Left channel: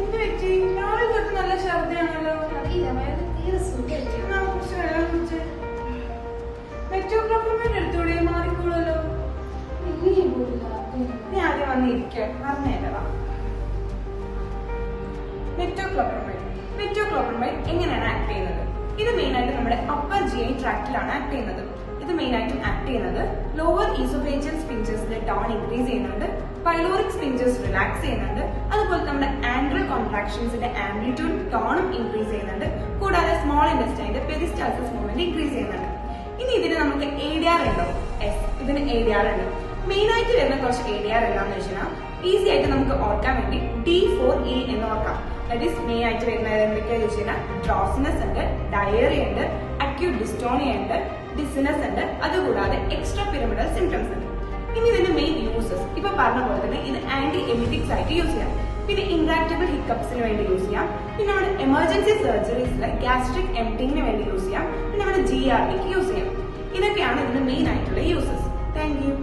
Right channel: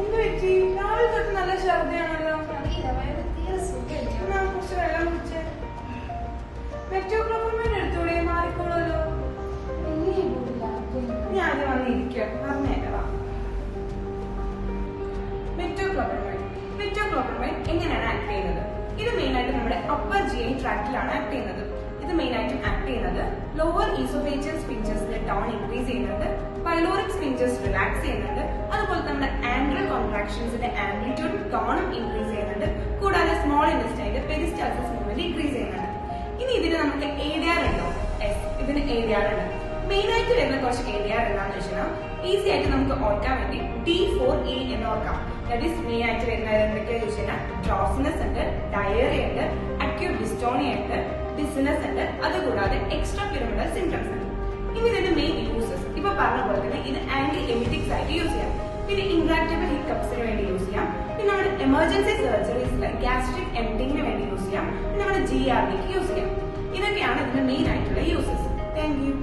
എന്ത് പറ്റി? രാവിലെ തൊട്ട് നല്ല ഛർദിയാണല്ലോ. അറിയില്ല, വയറ് തീരെ സുഖമായിട്ട്. കുറച്ച് വെള്ളം കുടിച്ച് മെറ്റോക്ലോപ്രമേറ്റ് എടുത്തൂടെ? മാറിക്കോളൂല്ലോ. ഇനിയും പോയില്ല. ഞാൻ ആദ്യം വന്നിരിക്കാം, പറഞ്ഞേരാ. മെറ്റോക്ലോപ്രമേറ്റ് എങ്ങനെയാണ് ആക്ട് ചെയ്യുന്നത്? ഇത് മെയിൻ ആയിട്ട് നമ്മുടെ അപ്പർ GI ട്രാക്റ്റിലാണ് ആക്ട് ചെയ്യുന്നത്. ഇത് മെയിൻ ആയിട്ടും ആക്ട് ചെയ്യുന്നത് ലോവർ ഈസോഫേജിയൽ സ്പിഞ്ചേഴ്സിലെ ടോൺ ഇൻക്രീസ് ചെയ്യുന്നുണ്ട്, പൈലോറിക് സ്പിഞ്ചേഴ്സ് റിലാക്സ് ചെയ്യുന്നുണ്ട്, അതുപോലെ നമ്മുടെ ആൻഡ്രൽ കോൺട്രാക്ഷൻസിന്റെ ആംപ്ലിറ്റ്യൂഡും ടോണും ഇൻക്രീസ് ചെയ്യുന്നുണ്ട്, കൂടാതെ സ്മോൾ ഇൻറ്റസ്റ്റൈന്റെ പെരിസ്റ്റാൾസിസ് മൂവ്മെന്റ് ഇൻക്രീസ് ചെയ്യുന്നുണ്ട്. ഇനി ഇതിന് നമുക്ക് ADR ഉണ്ടോ? ഇതിന് ADR ഉണ്ട്. മെയിൻ ആയിട്ട് വരുന്ന കുറച്ച് ADR എന്താണെന്ന് വെച്ചാൽ ഈസി ആയിട്ട് നമുക്ക് ഓർക്കാൻ വേണ്ടി D4E എന്ന് ഓർക്കാം. ദാറ്റ് ഈസ് മെയിൻ ആയിട്ട് വരുന്നത് എന്തൊക്കെയാണെന്ന് വെച്ചാൽ ഡ്രോസിനെസ് ഉണ്ട്, ഡയറിയ ഉണ്ട്, അക്യൂട്ട് ഡിസ്റ്റോണിയ ഉണ്ട്, ഡിസിനസ് ഉണ്ട്, അതുകൂടാതെ എക്സ്ട്രാ പിരമിഡൽ സിംറ്റംസ് ഉണ്ട്. ഇനി ഇതിന്റെ മെയിൻ യൂസസ് ഇപ്പൊ പറഞ്ഞ പോലെ തന്നെ ഇത് ആന്റി എമിറ്റിക്സ് ആയിട്ട് യൂസ് ചെയ്യാം, പിന്നെ ഇൻട്രാക്റ്റബിൾ ഹിക്കപ്സിന് വേണ്ടി യൂസ് ചെയ്യാം, പിന്നെ നമ്മുടെ എമർജൻസി സർജറീസിലെ ഗ്യാസ്ട്രിക് എംപ്റ്റിങ്ങിന് വേണ്ടി യൂസ് ചെയ്യാം, പിന്നെ നമ്മുടെ GRDക്ക് യൂസ് ചെയ്യാം. ഇതൊക്കെയാണ് ഇതിന്റെ മെയിൻ ആയിട്ടുള്ള യൂസസ്. Thank you.